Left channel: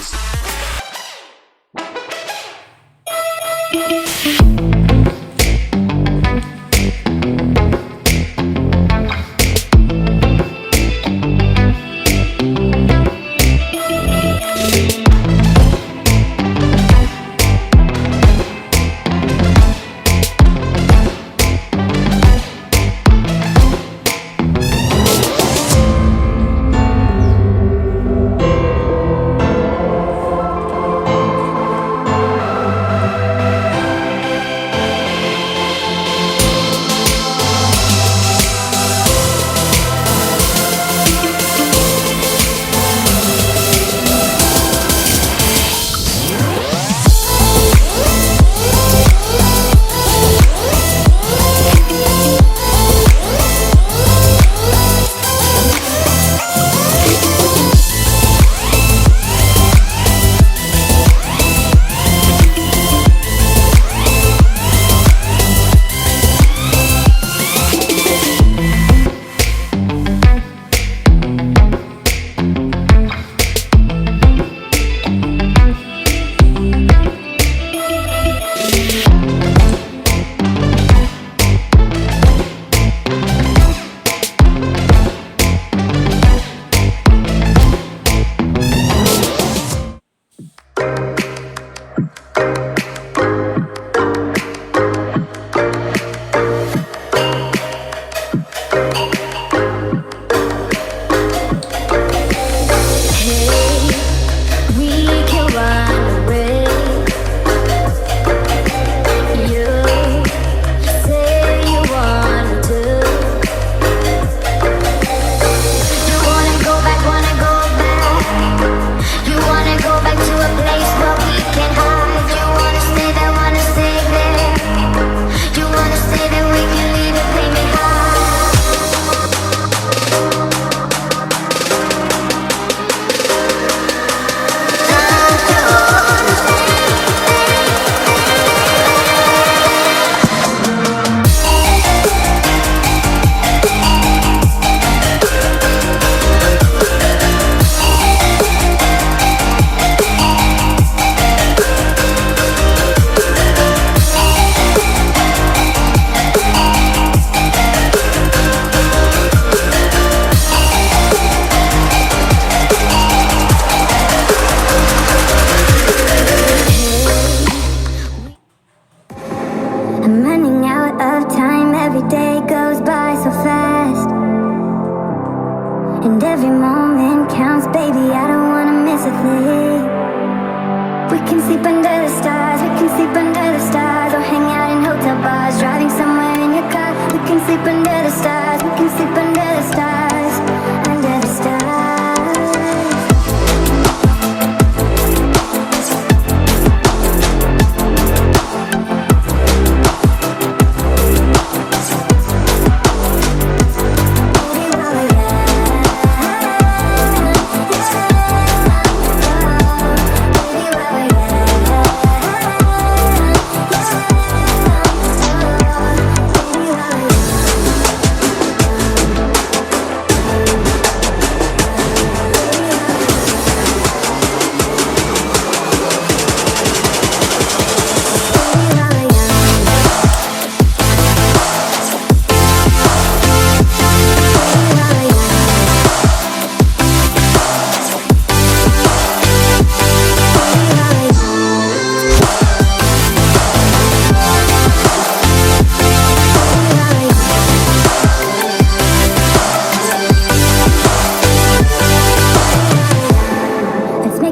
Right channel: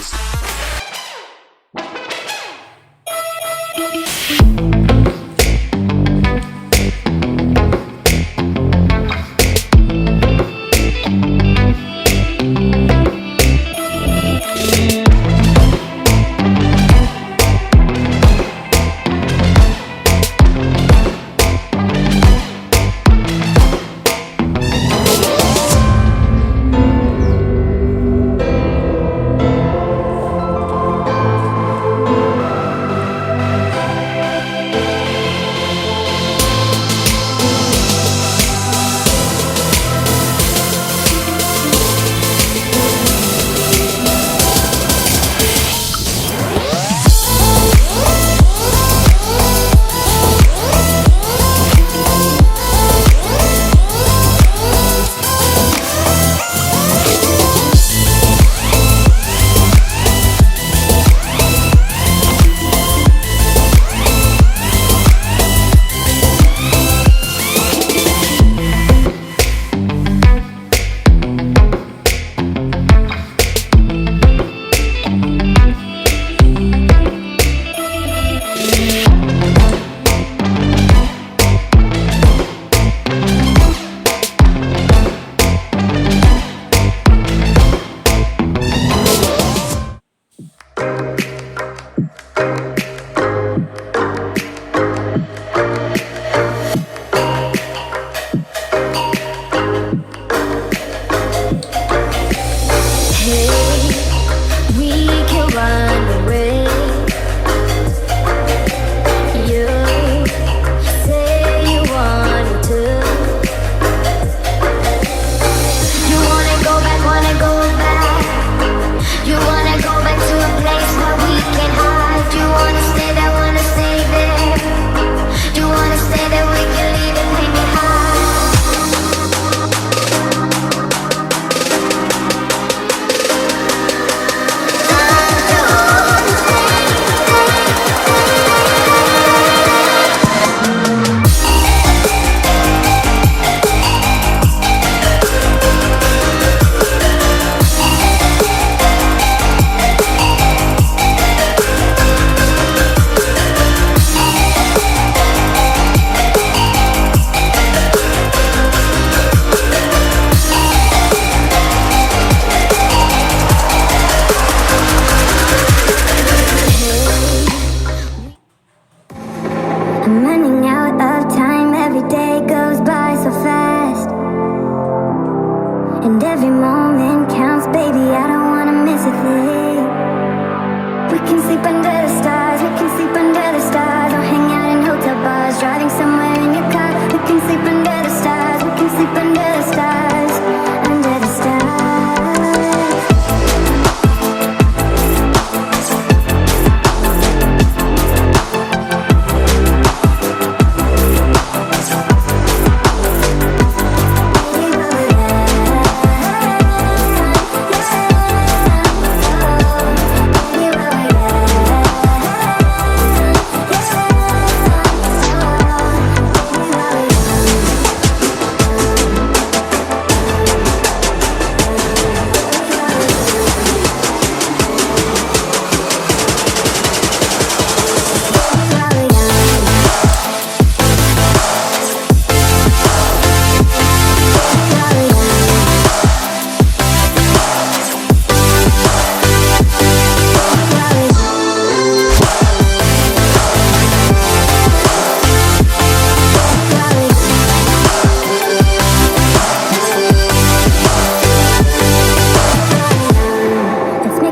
Peace. I'm running out of time, every day goes by so fast. And every moment counts, baby, I don't wanna miss a thing. We can sleep under the stars, we can sleep under the stars, or hang out in hotel bars, driving somewhere in your car. We can sleep under the stars, we can sleep under the stars, under the stars.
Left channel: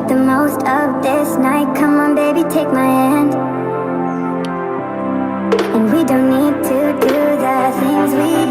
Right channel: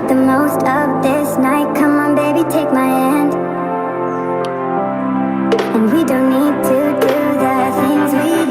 The most of this night, come on baby, take my hand. And we don't need to do the things we